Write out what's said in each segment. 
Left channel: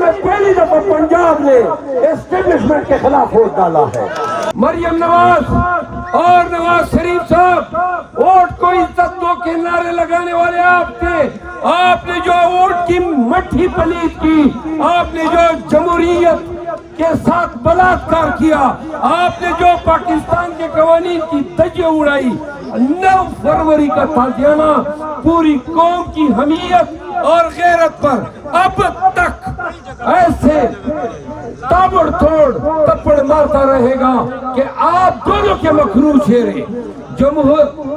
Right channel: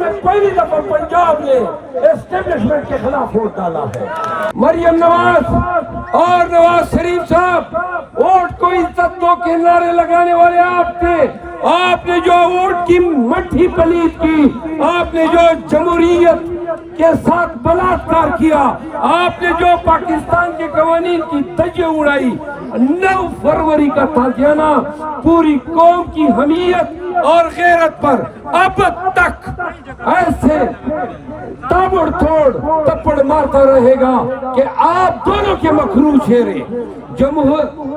میں پہلی دفعہ پنجاب نے اسٹیبلشمنٹ کے خلاف ووٹ ڈالا ہے۔ مریم نواز اور نواز شریف صاحب ووٹ کو عزت دو کے نعرے لگانے والے آپ تھے۔ آپ نے جو ووٹ کی مٹھی پلیت کی، آپ نے جو جمہوریت کے ساتھ بلاತ್ಕಾರ کیا، آپ نے جو پاکستان کے قوانین کی دھجیاں اڑائی، 9 فروری کا تازیانہ پوری قوم کی حمیت اور غیرت پر اب تک ایسے تابڑ توڑ تپڑ مارتا رہے گا کہ آپ دونوں کے مکروہ چہرے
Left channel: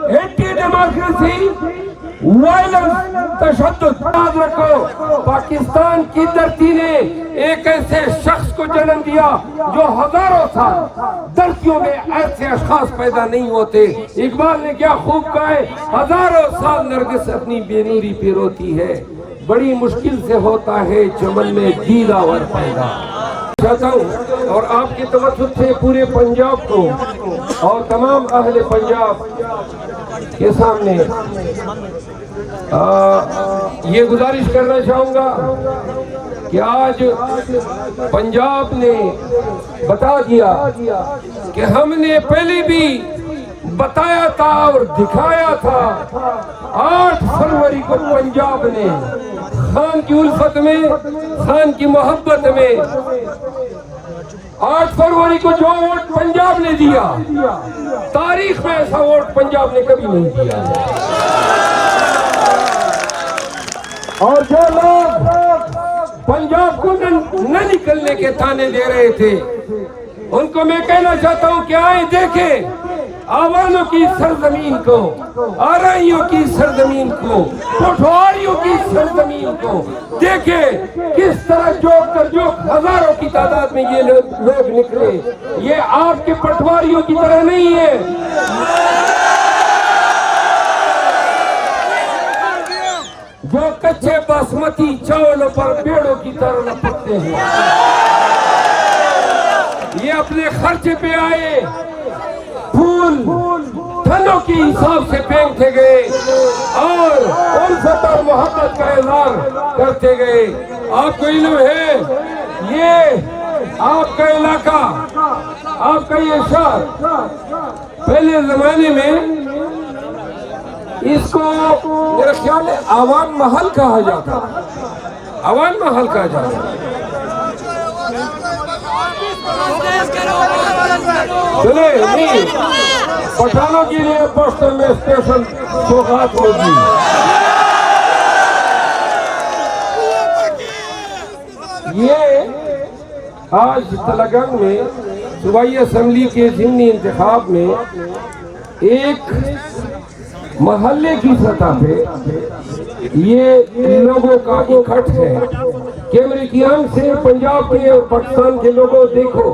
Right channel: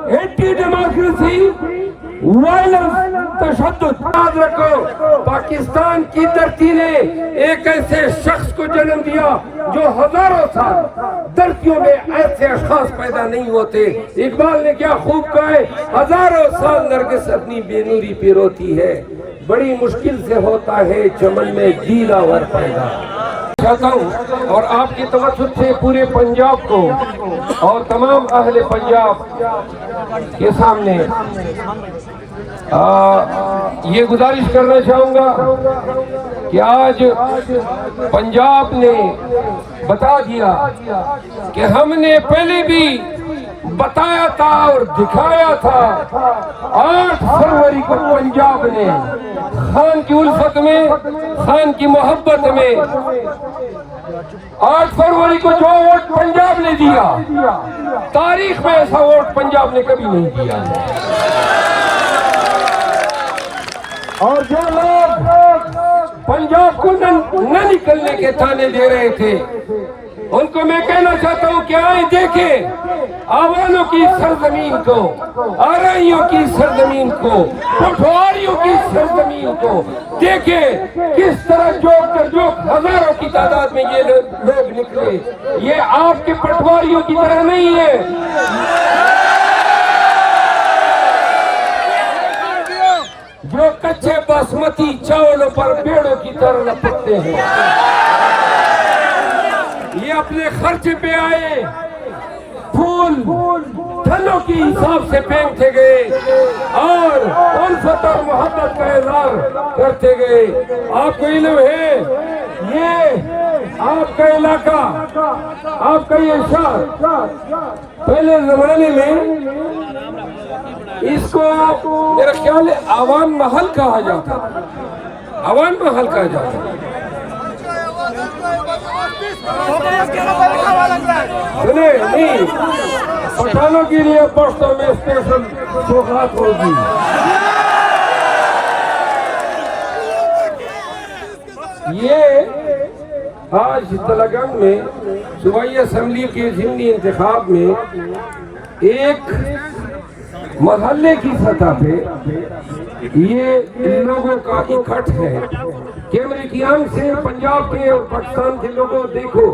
اینٹی ڈیموکریسی، وائلنس، تشدد۔ یاد رکھو پاکستان کی دھرتی نے ایک ایسے شخص کو جنم دیا جو ہزاروں سال دھرتیوں میں ایسے اشخاص پیدا نہیں ہوتے۔ اقبال نے کیا خوب کہا ہے، ہزاروں سال نرگس اپنی بے نوری پہ روتی ہے، بڑی مشکل سے ہوتا ہے چمن میں گیلا ور پیدا۔ چاہتا ہوں اور آپ کی توسط سے پورے پنجاب کو اور تمام اہل پنجاب کے سامنے یہ گزارش کرنا چاہوں گا کہ آج پنجاب نے بتا دیا کہ ہم نے پہلے بھی بتایا تھا اور دکھایا تھا۔ 8 فروری کو پنجاب نے خان کی الفت میں، خان کی محبت میں، 8 فروری کو جو ووٹ پنجاب نے دیا، تاریخ میں ایسا ووٹ پنجاب نے کبھی نہیں دیا۔ اور جو لوگ پنجاب کو نہ نکلنے کے تانے دے رہے تھے، ان کو میں کہنا چاہتا ہوں کہ آئیں دیکھیں آوانوں کی سرزمین کو، آرائیوں کی سرزمین کو، پٹھواریوں کی سرزمین کو دیکھیں کس طرح جوک در جوک ہزاروں کی تعداد میں یہ لوگ نکلے۔ یہ آپ کے پٹھواریوں کی طرح نہیں ہے۔ جو کچھے باسمتی چاولوں پر بیڑوں کی طرح لپکتے ہیں، یہ اپنے خرچ پہ آئے، پھول تھنوں کی حساب سے پھینکتے گئے اور الفت اور محبت کا اظہار کرتے گئے۔ آپ کو علم ہے یہ آپ کا علاقہ، آپ کا یہ شہر پہلے زمانے میں اس کو میرا خیال ہے عوام محل کہا جاتا، عوام محل کہا جاتا۔ سنے نہیں، پٹھانوں کے لیے پوسٹوں میں اسٹیشن سوغات ہوگی۔ یہ آج تلنگانہ میں صوبائی اسمبلی کے ضمنی انتخاب میں ایک محلے کی سطح پہ یہ لوگوں کا اکٹھ ہے کہ امریکیان سے پنجاب کے اور پاکستان کے لوگوں دیکھو،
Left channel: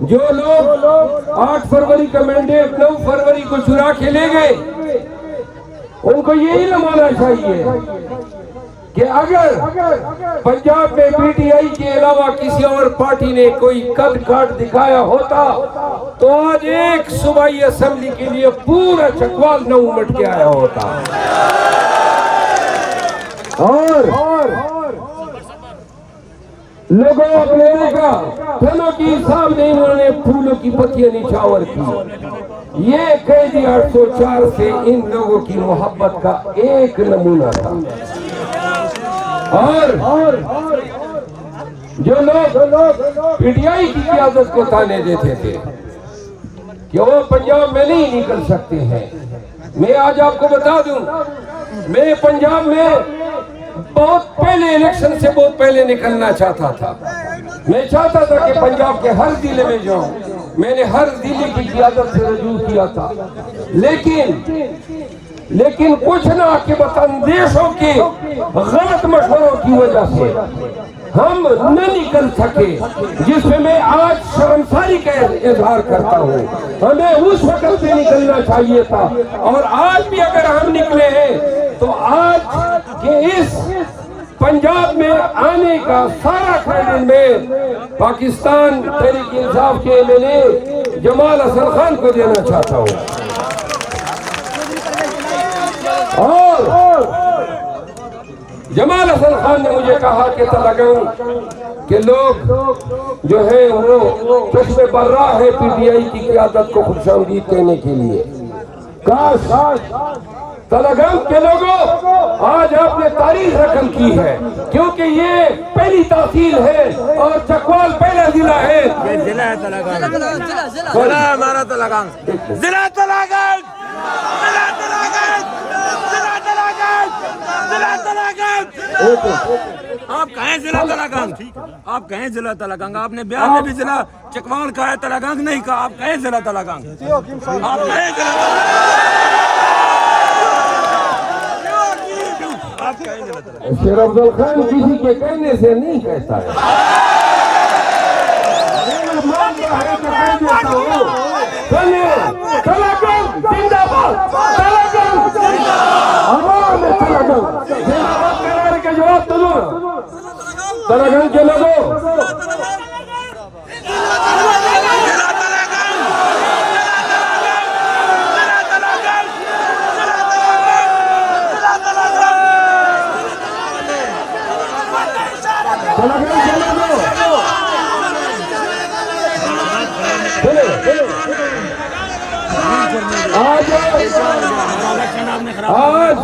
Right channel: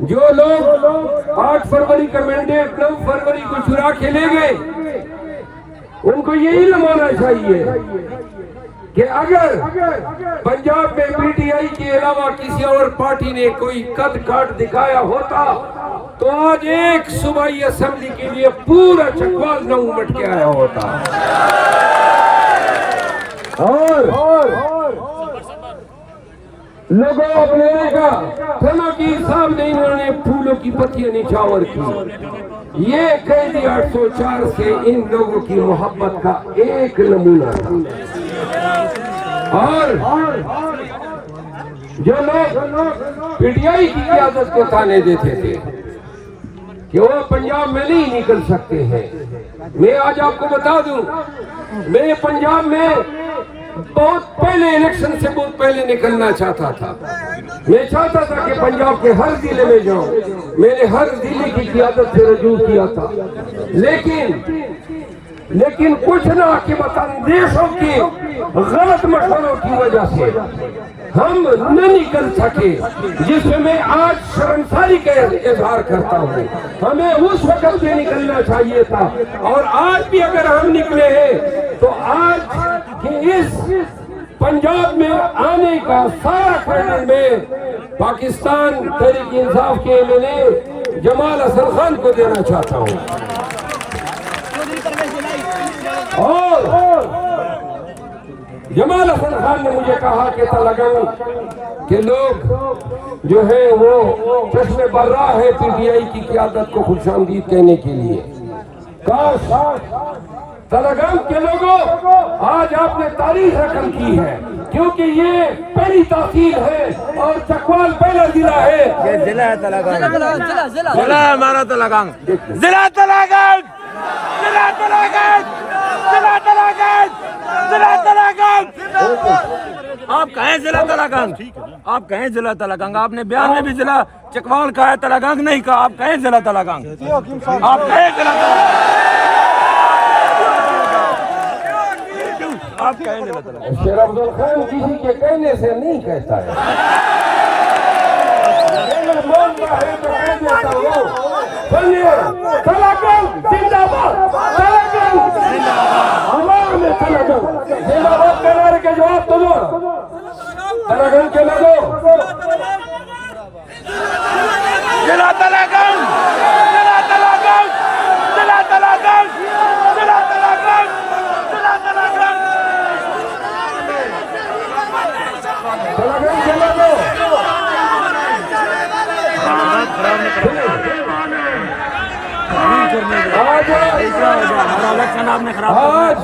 جو لوگ 8 فروری کا مینڈیٹ 9 فروری کو چرا کے لے گئے، ان کو یہ علم ہونا چاہیے کہ اگر پنجاب میں پی ٹی آئی کے علاوہ کسی اور پارٹی نے کوئی قد کاٹ دکھایا ہوتا تو آج ایک صوبائی اسمبلی کے لیے پورا چکوال نہ امٹ کے آیا ہوتا۔ اور لوگوں اپنے کا تھنوں کی حساب نہیں، انہوں نے پھولوں کی پتیاں نچھاور کی۔ یہ قیدی 804 سے ان لوگوں کی محبت کا ایک نمونہ تھا۔ اور جو لوگ پی ٹی آئی کی قیادت کو تانے دیتے تھے کہ وہ پنجاب میں نہیں نکل سکتے ہیں، میں آج آپ کو بتا دوں، میں پنجاب میں بہت پہلے الیکشن سے بہت پہلے نکلنا چاہتا تھا۔ میں چاہتا تھا کہ پنجاب کے ہر ضلع میں جاؤں، میں نے ہر ضلع کی قیادت سے رجوع کیا تھا، لیکن کچھ نہ کہ اندیشوں کے غلط مشوروں کی وجہ سے ہم نہ نکل سکے، جس میں میں آج شرمساری کا اظہار کرتا ہوں۔ ہمیں اس وقت سے نکلنا چاہیے تھا، اور آج بھی اگر ہم نکلے ہیں تو آج کے اس پنجاب میں آنے کا سارا کریڈٹ میں پاکستان تحریک انصاف کے MLA جمال حسن خان کو دینا چاہتا ہوں۔ اور جمال حسن خان نے مجھے کہا کہ تلگنگ کے لوگ جو ہیں وہ چشم برا ہے پی ٹی آئی کی قیادت کو خوش آمدید کہنے کے لیے. کاش تلگنگ کے لوگوں آج آپ نے تاریخ رقم کی ہے، کیونکہ یہ پہلی تحصیل ہے اور چکوال پہلا ضلع ہے. یہ ضلع ہے تلگنگ، ضلع ہے ہمارا تلگنگ، ضلع تلگنگ، ضلع تلگنگ، ضلع تلگنگ، ضلع تلگنگ. آپ کہیں ضلع تلگنگ، آپ کہیں ضلع تلگنگ. آپ نے بیان میں بھی ضلع چکوال کہا ہے، تلگنگ نہیں کہا. آپ کہیں ضلع تلگنگ، آپ کہیں ضلع شیر افضل خان کسی کے کہنے سے نہیں کہتا ہے. سنیے، تلگنگ زندہ باد، تلگنگ زندہ باد کہنے کے جواب تو دو. تلگنگ کے لوگوں آج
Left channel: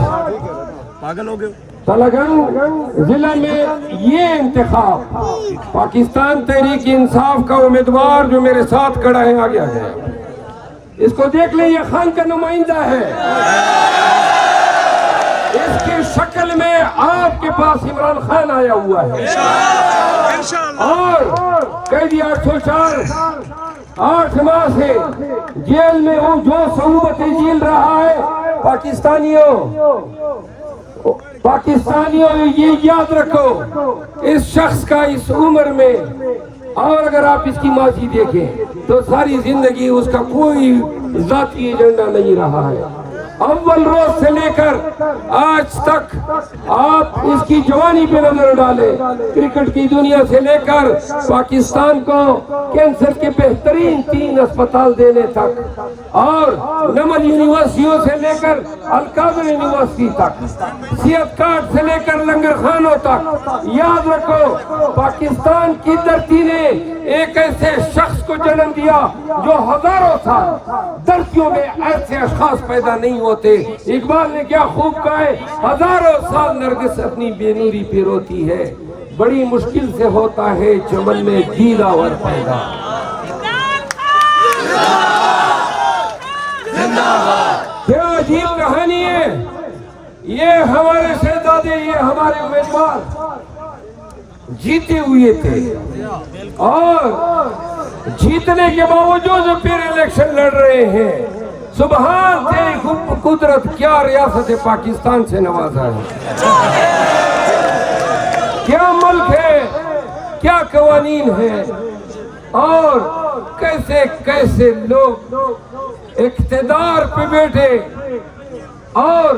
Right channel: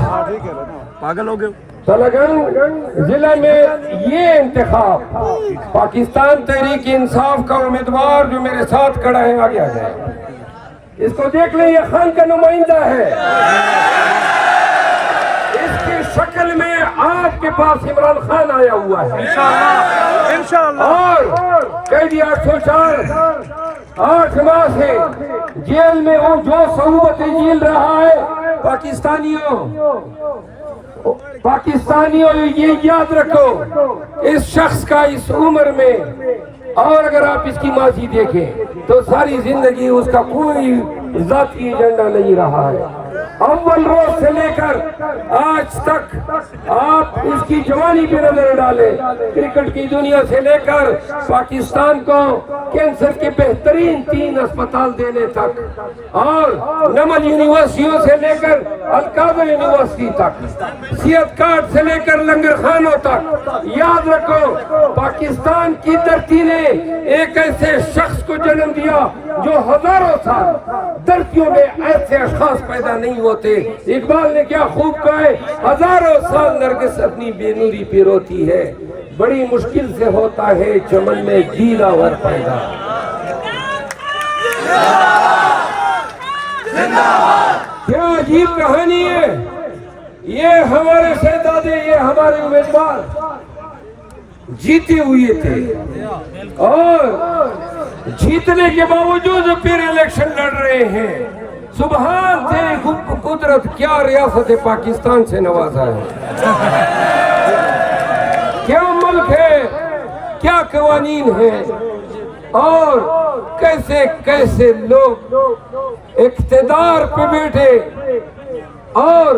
پاگل ہو گئے. تلگنگ ضلع میں یہ انتخاب پاکستان تحریک انصاف کا امیدوار جو میرے ساتھ کھڑا ہے آ گیا ہے. اس کو دیکھ لیں، یہ خان کا نمائندہ ہے. اس کی شکل میں آپ کے پاس عمران خان آیا ہوا ہے اور قیدی 804 8 ماہ سے جیل میں وہ جو صعوبتیں جھیل رہا ہے. پاکستانیوں یہ یاد رکھو، اس شخص کا اس عمر میں، اور اگر آپ اس کی ماضی دیکھیں تو ساری زندگی اس کا کوئی ذاتی ایجنڈا نہیں رہا ہے. اول روز سے لے کر آج تک آپ اس کی جوانی پہ نظر ڈالیں، کرکٹ کی دنیا سے لے کر پاکستان کو کینسر کے بہترین 3 اسپتال دینے تک، اور نمل یونیورسٹیوں سے لے کر القادر یونیورسٹی تک، صحت کارڈ سے لے کر لنگر خانوں تک. یاد رکھو، پاکستان کی دھرتی نے ایک ایسے شخص کو جنم دیا جو ہزاروں سال دھرتیوں میں ایسے اشخاص پیدا نہیں ہوتے. اقبال نے کیا خوب کہا ہے، ہزاروں سال نرگس اپنی بے نوری پہ روتی ہے، بڑی مشکل سے ہوتا ہے چمن میں گیلا ور پیدا. کیا عجیب کہانی ہے. یہ ہمارے شہزادے، یہ ہمارے امیدوار جیتے ہوئے تھے اور جیتنے کے باوجود پھر الیکشن لڑ رہے ہیں. سبحان تیری قدرت، کیا ریاست پاکستان سے نوازا ہے، کیا ملک ہے، کیا قوانین ہیں، اور کیسے کیسے لوگ اقتدار پہ بیٹھے اور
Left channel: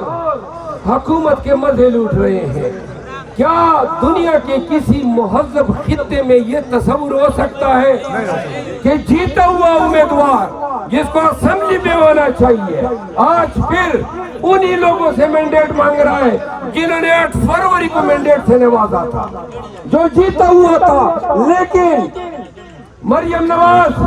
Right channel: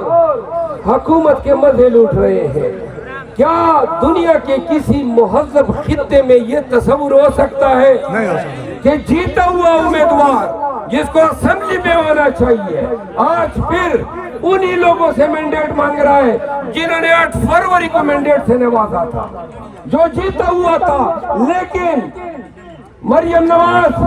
حکومت کے مزے لوٹ رہے ہیں. کیا دنیا کے کسی مہذب خطے میں یہ تصور ہو سکتا ہے کہ جیتا ہوا امیدوار جس کو اسمبلی میں ہونا چاہیے آج پھر انہی لوگوں سے مینڈیٹ مانگ رہا ہے جنہوں نے 8 فروری کو مینڈیٹ سے نوازا تھا، جو جیتا ہوا تھا. لیکن مریم نواز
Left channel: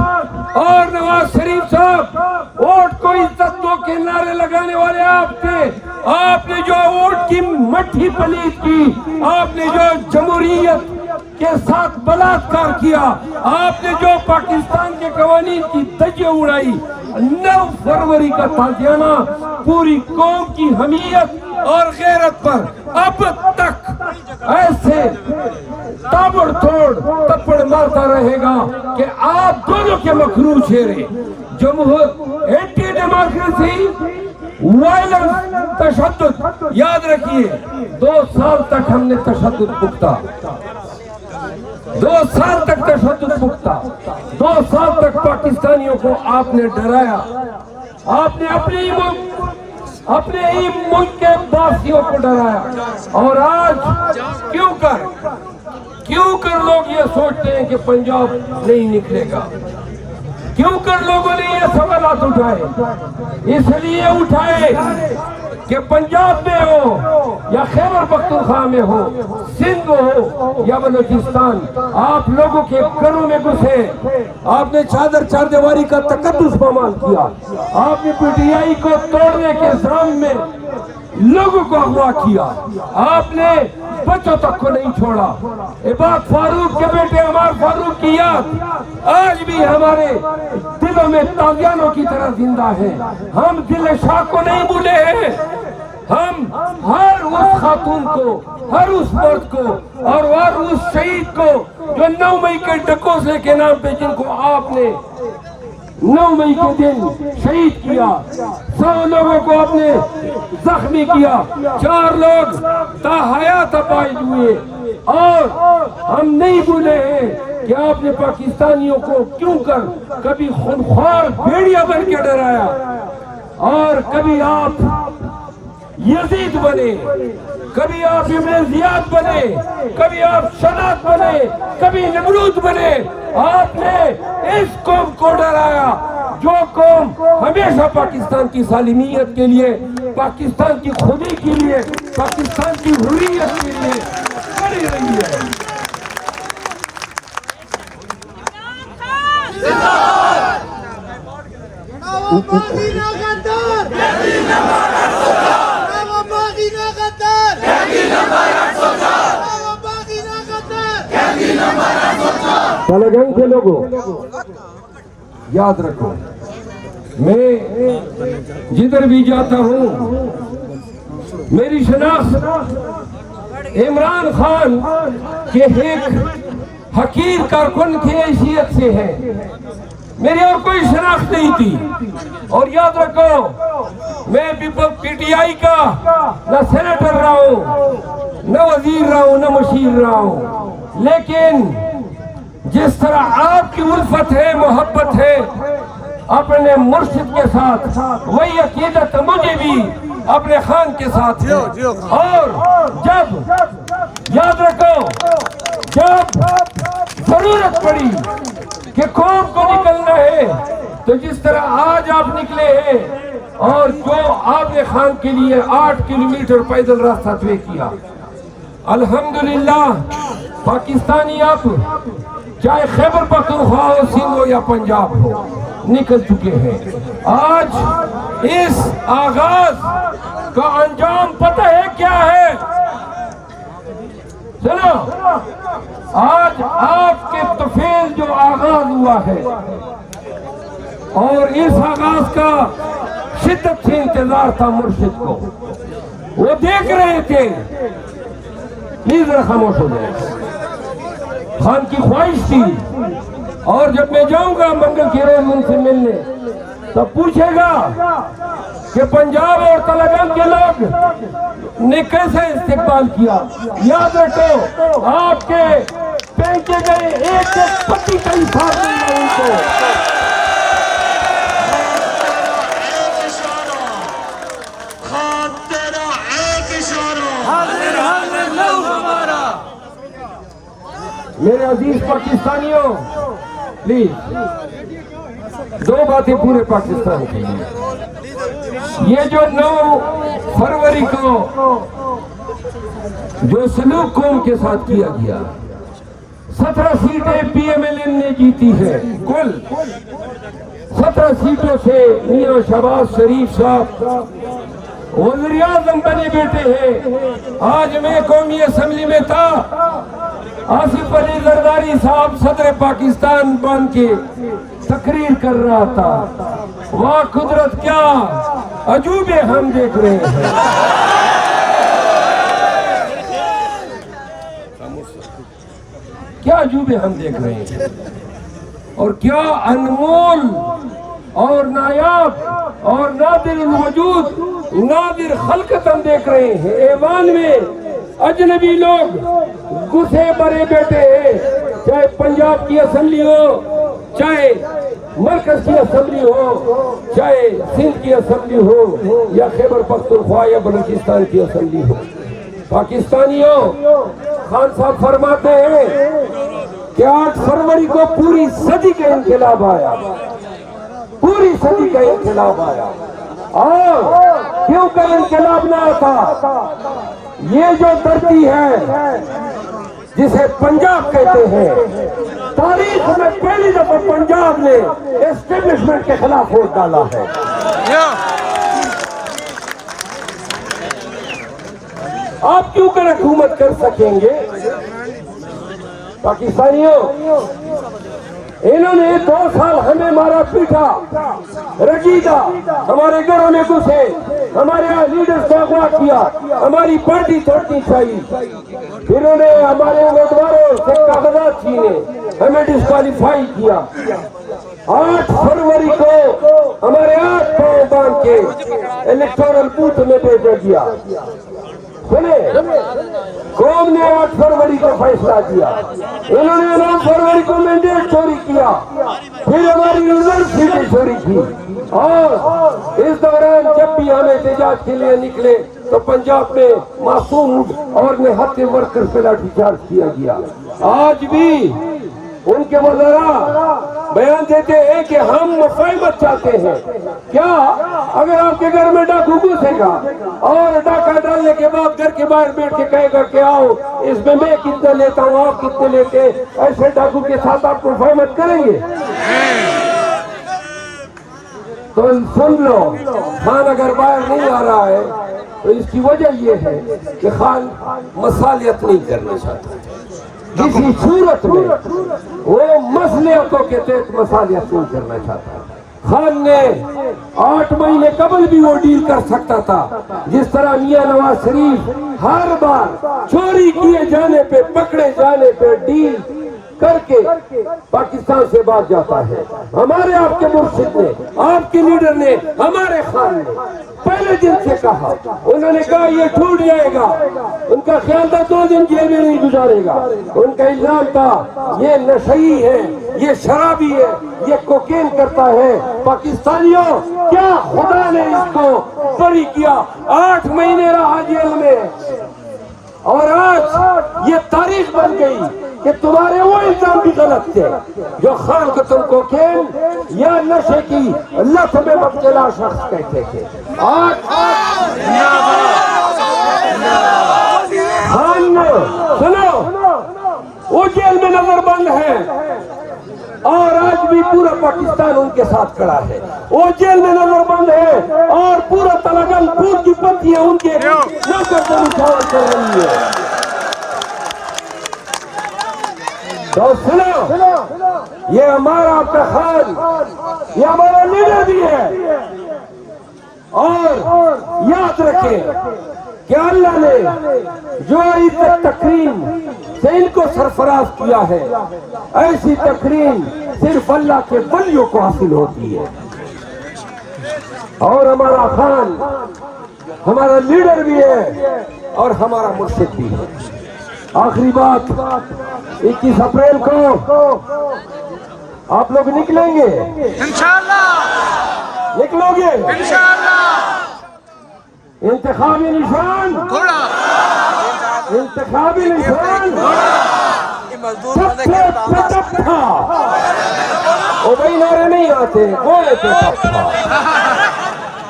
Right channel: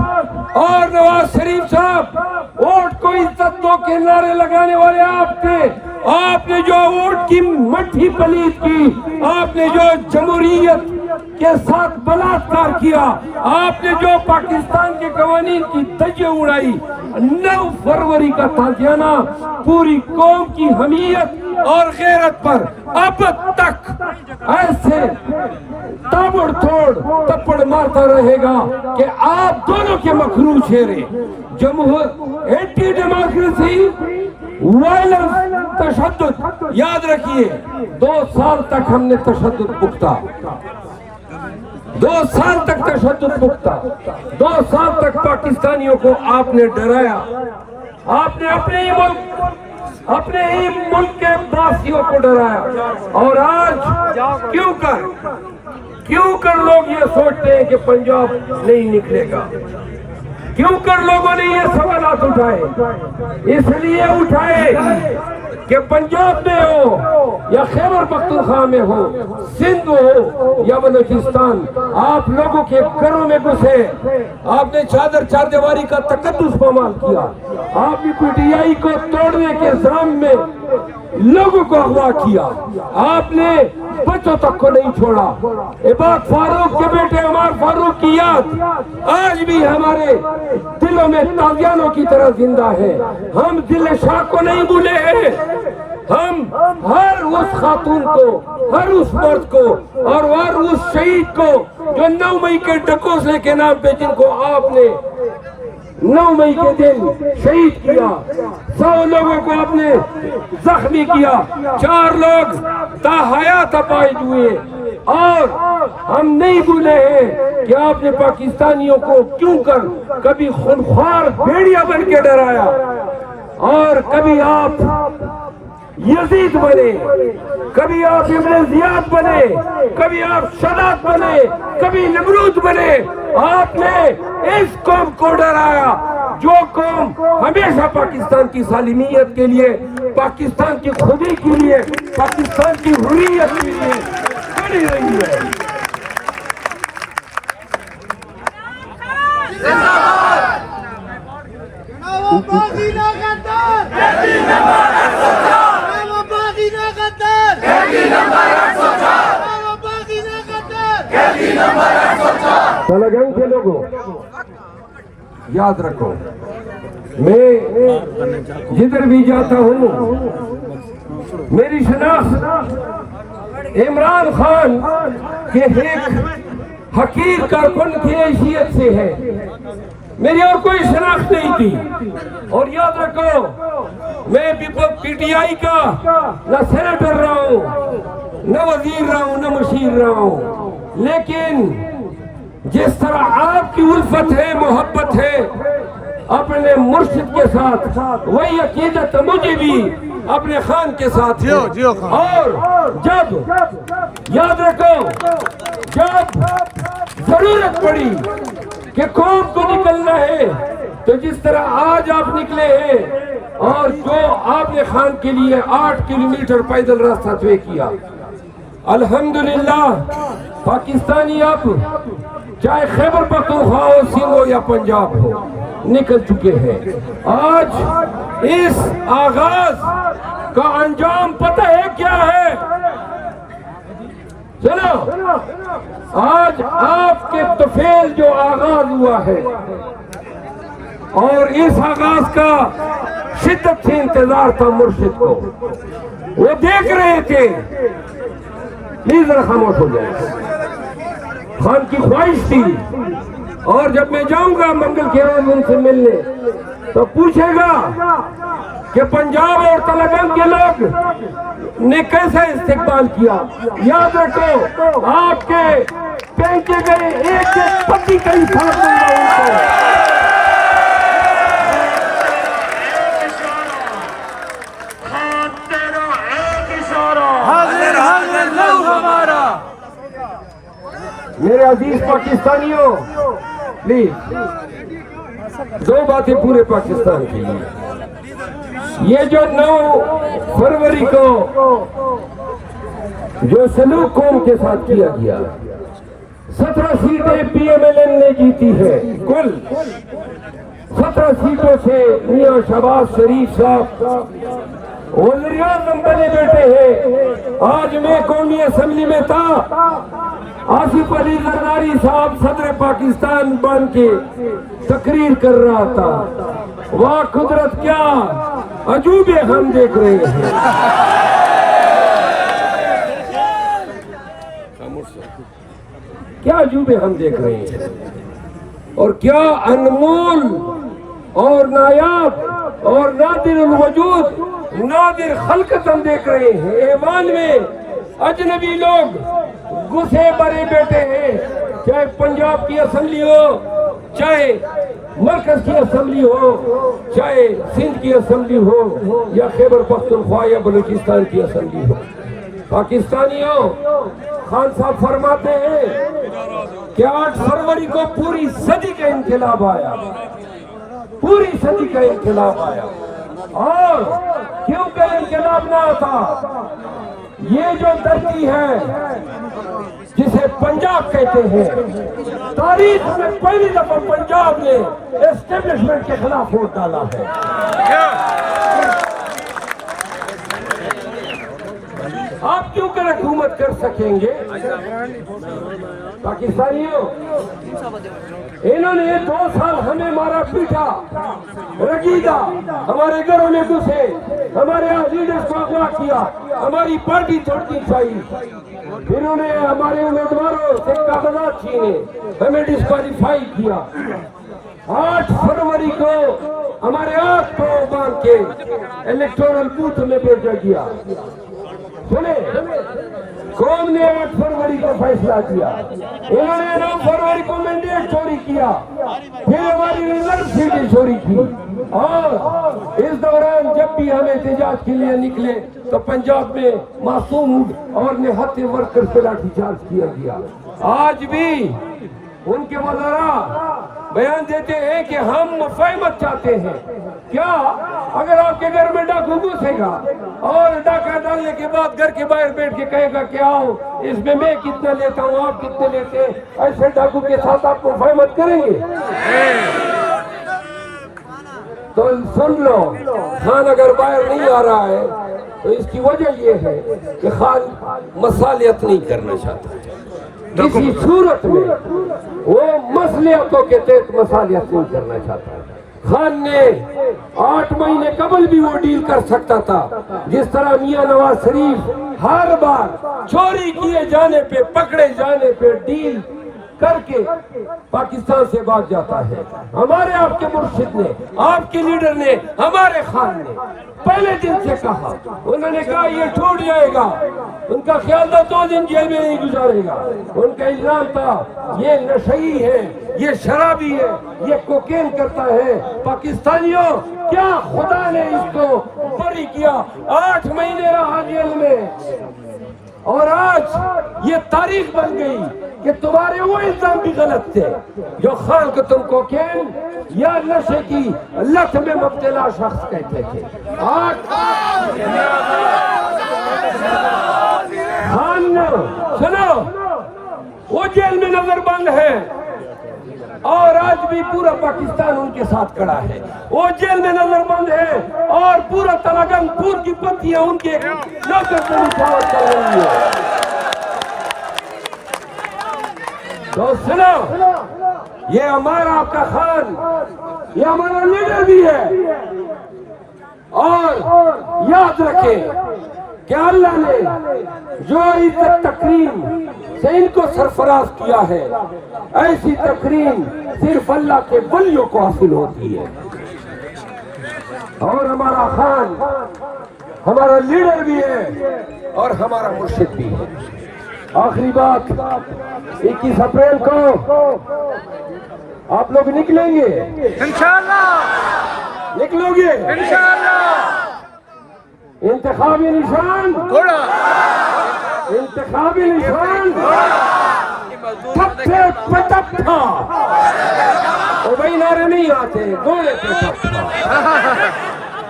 اور نواز شریف صاحب ووٹ کو عزت دو کے نعرے لگانے والے آپ تھے. آپ نے جو ووٹ کی مٹھی پلیت کی، آپ نے جو جمہوریت کے ساتھ بلاತ್ಕಾರ کیا، آپ نے جو پاکستان کے قوانین کی دھجیاں اڑائی، 9 فروری کا تازیانہ پوری قوم کی حمیت اور غیرت پر اب تک ایسے تابڑ توڑ تپڑ مارتا رہے گا کہ آپ دونوں کے مکروہ چہرے، اینٹی ڈیموکریسی، وائلنس، تشدد. یاد رکھیے 2 سال تک ہم نے تشدد بھگتا، 2 سال تک تشدد بھگتا، 2 سال تک پاکستانیوں کو آپ نے ڈرایا. آپ نے اپنے ہی ملک کے باسیوں کو ڈرایا. اور آج کیوں کر لوگ یہ سوچتے ہیں کہ پنجاب نہیں نکلے گا؟ کیوں کر لوگوں نے یہ سوالات اٹھائے؟ اس لیے اٹھائے کہ پنجاب میں ہو یا خیبر پختونخوا میں ہو، سندھ ہو یا بلوچستان، آپ لوگوں کے گھروں میں گھسے، آپ نے چار دیواری کا تقدس پامال کیا، آپ نے پی ٹی آئی کو توڑنے کے ضرم میں لوگوں کو اغوا کیا، آپ نے بچوں تک کو نہیں چھوڑا۔ عباد فاروق کے بیٹے عمار فاروق کی یاد آج بھی ہمارے دلوں میں تازیانوں کی طرح زندہ ہے۔ ہم دل شاہ کو نہیں بھولے ہیں، ہم ہر اس خاتون کو، ہر اس مرد کو اور ہر اس شہید کو جو 9 مئی کے ڈکوسلے کے نام پہ جن کو آپ نے 9 مئی کے دن شہید کیا، 100 لوگوں کو آپ نے زخمی کیا، 4 لوگ تاحیات اپائج ہوئے، اور ہم نہیں بھولے ہیں کہ آپ نے پاکستانیوں کو کیوں کر کبھی خونخوار بھیڑیا بن کے ڈرایا، اور کبھی آپ یزید بنے، کبھی آپ ابن زیاد بنے، کبھی آپ شداد بنے، کبھی نمرود بنے۔ آپ نے اس قوم کو ڈرایا جو قوم ہمیشہ پاکستان کی سالمیت کے لیے، پاکستان کی خودی کے لیے، پاکستان کی حریت کے لیے کھڑی رہی ہے۔ تلگنگ کے لوگوں یاد رکھو، میں جدھر بھی جاتا ہوں میری شناخت عمران خان کے ایک حقیر کارکن کی حیثیت سے ہے، میری اور کوئی شناخت نہیں تھی۔ اور یاد رکھو، میں پی ٹی آئی کا نہ سینیٹر رہا ہوں، نہ وزیر رہا ہوں، نہ مشیر رہا ہوں، لیکن جس طرح آپ کی الفت ہے، محبت ہے اپنے مرشد کے ساتھ، وہی عقیدت مجھے بھی اپنے خان کے ساتھ ہے۔ اور جب یاد رکھو، جب ضرورت پڑی کہ قوم کو نکلنا ہے تو جس طرح آج آپ نکلے ہیں، اور جو آپ نے خان کے لیے 8 کلومیٹر پیدل راستہ طے کیا، الحمدللہ پاکستانی اب چاہے خیبر پختونخوا ہو، سندھ ہو یا پنجاب ہو، نکل چکے ہیں۔ آج اس آغاز کا انجام پتہ ہے کیا ہے؟ سنو، آج آپ کے طفیل جو آغاز ہوا ہے، اور اس آغاز کا شدت سے انتظار تھا مرشد کو، وہ دیکھ رہے تھے۔ پلیز ذرا خاموش ہو جائے۔ خان کی خواہش تھی، اور جب میں جاؤں گا منگل کے روز ان سے ملنے تو پوچھے گا کہ پنجاب اور تلنگانہ کے لوگ نے کیسے استقبال کیا۔ یاد رکھو، آپ کے پھینکے گئے ایک ایک پتی کا حساب دوں گا ان کو۔ میرے عزیز پاکستانیوں، پلیز 2 باتیں پورے پاکستان کے لیے۔ یہ جو 9 فروری کو جو سلوک قوم کے ساتھ کیا گیا، 17 سیٹیں پی ایم ایل این نے جیتی ہے، کل 17 سیٹوں سے میاں شہباز شریف صاحب وزیر اعظم بنے بیٹے ہیں۔ آج میں قومی اسمبلی میں تھا، آصف علی زرداری صاحب صدر پاکستان بن کے تقریر کر رہا تھا۔ واہ قدرت، کیا عجوبے ہم دیکھ رہے ہیں۔ کیا عجوبے ہم دیکھ رہے ہیں، اور کیا انمول اور نایاب اور نادر الوجود، نادر خلقت ہم دیکھ رہے ہیں۔ ایوان میں اجنبی لوگ گھسے بھرے بیٹھے ہیں، چاہے پنجاب کی اسمبلی ہو، چاہے مرکز کی اسمبلی ہو، چاہے سندھ کی اسمبلی ہو، یا خیبر پختونخوا یا بلوچستان کی اسمبلی ہو۔ پاکستانیوں، خان صاحب فرماتے ہیں کہ 8 فروری کو پوری صدی کا انقلاب آیا، پوری صدی کا انقلاب آیا، اور کیوں کر انقلاب نہ آتا؟ یہ جو دھرتی ہے جسے پنجاب کہتے ہیں، تاریخ میں پہلی دفعہ پنجاب نے اسٹیبلشمنٹ کے خلاف ووٹ ڈالا ہے۔ آپ کیوں کر حکومت کر سکیں گے؟ پاکستانیوں، انہوں نے 2 سال ہمیں مارا پیٹا، رگیدہ، ہمارے گھروں میں گھسے، ہمارے لیڈرز کو اغوا کیا، ہماری پارٹی توڑنی چاہیے، پھر انہوں نے ہمارے امیدواروں سے کاغذات چھینے، ہمیں ڈسکوالیفائی کیا۔ 8 فروری کو ہمارے 8 پاؤں باندھ کے الیکٹورل بوتھ میں بھیجا گیا۔ سنیں، قوم نے 8 فروری کو فیصلہ کیا، انہوں نے 9 فروری کو مینڈیٹ چوری کیا، پھر ہماری ریزرو سیٹیں چوری کی، اور اس دوران جب بھی ہم احتجاج کے لیے نکلے تو پنجاب میں معصوم اور نہتے ورکر سے لاٹھی چارج کیا گیا۔ آج بھی ان کے وزراء بیان دیتے ہیں کہ ہم مفاہمت چاہتے ہیں۔ کیا اگر آپ کے گھر میں ڈاکو گھسے گا اور ڈاکہ ڈالنے کے بعد گھر کے باہر بیٹھ کے کہے گا کہ آؤ اس میں کتنے لیتا ہوں، آپ کتنے لیتے، ایسے ڈاکو کے ساتھ آپ مفاہمت کریں گے؟ تو سن لو، خان اگر باہر نہیں آ رہا ہے تو اس کی وجہ یہ ہے کہ خان مصالحت نہیں کرنا چاہتا، کسی صورت میں وہ مصلحتوں کے تحت مصالحت نہیں کرنا چاہتا۔ خان نے 8 مہینے قبل بھی وہ ڈیل کر سکتا تھا، جس طرح میاں نواز شریف ہر بار چوری کیے جانے پہ، پکڑے جانے پہ ڈیل کر کے پاکستان سے بھاگ جاتا ہے۔ ہمارے آپ کے مرشد نے، آپ کے لیڈر نے، ہمارے خان نے پہلے دن سے کہا، انہوں نے کہا یہ ٹوٹ جائے گا، ان کا خیال تھا 2 دن جیل میں نہیں گزارے گا، ان کا الزام تھا یہ نشئی ہے، یہ شرابی ہے، یہ کوکین کرتا ہے۔ پاکستانیوں، کیا خدا نے اس کو بری کیا؟ 8 مہینے رہا جیل میں، اور آج یہ تاریخ بن گئی کہ تمہارے وہ الزام بھی غلط تھے جو خان کو تم کوکین یا نشے کی لت میں مبتلا شخص کہتے تھے۔ آج خان سنو، وہ جیل میں نظر بند ہے، اور آج بھی پورا پاکستان ان کے ساتھ کھڑا ہے۔ وہ جیل میں نظر بند ہے اور پورا تلنگانہ پور کی پتیاں ان کے نظر کر رہی ہے۔ تو سنو، یہ ہمارا آپ کا خان، یہ ہمارا لیڈر بھی ہے، اور یاد رکھیں کہ اللہ نے جو عزت تکریم سے ان کو سرفراز کیا ہے، ایسی تکریم صرف اللہ کے ولیوں کو حاصل ہوتی ہے۔ اور ہمارا خان ہمارا لیڈر بھی ہے اور ہمارا مرشد بھی ہے۔ آخری بات، 21 اپریل کو آپ لوگ نکلیں گے انشاءاللہ؟ نکلو گے انشاءاللہ؟ انتخابی نشان گھوڑا، انتخابی نشان ٹھپے پہ ٹھپا، وہ بھائی نعرے نہیں آتے، گھوڑے پہ ٹھپا،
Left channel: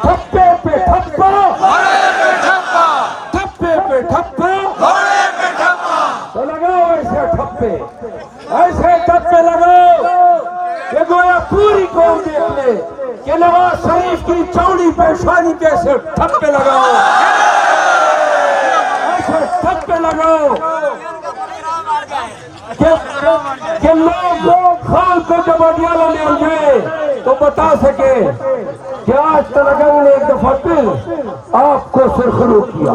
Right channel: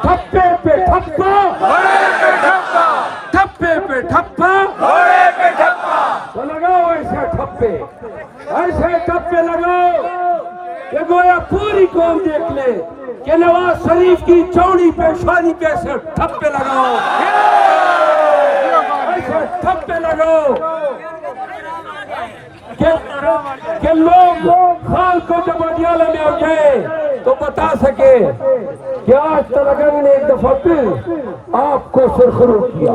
ٹھپے پہ ٹھپا، گھوڑے پہ ٹھپا، ٹھپے پہ ٹھپا، گھوڑے پہ ٹھپا۔ تو لگاؤ ایسے ٹھپے، ایسے ٹھپے لگاؤ کہ گویا پوری قوم دیکھ لے کہ نواز شریف کی چوڑی پیشانی کیسے ٹھپے لگاؤ، ایسے ٹھپے لگاؤ کہ لوگ خان کو جب اڈیالہ لے گئے تو بتا سکے کہ آج تلنگانہ نے ایک دفعہ پھر آپ کو سرخرو کیا،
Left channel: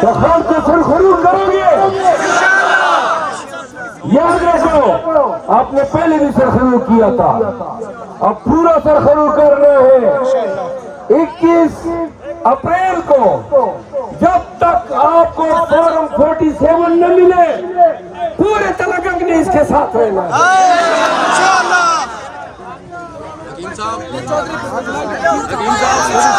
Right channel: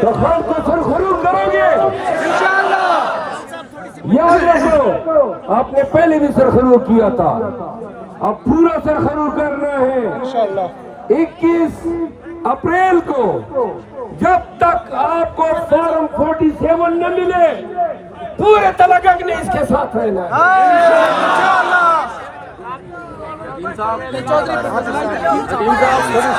تو خان کو سرخرو کریں گے یاد رکھو۔ آپ نے پہلے بھی سرخرو کیا تھا، اب پورا سرخرو کرنا ہے۔ 21 اپریل کو جب تک آپ کو فارم 47 نہ ملے، پورے تلنگانہ نے اس کے ساتھ رہنا ہے انشاءاللہ۔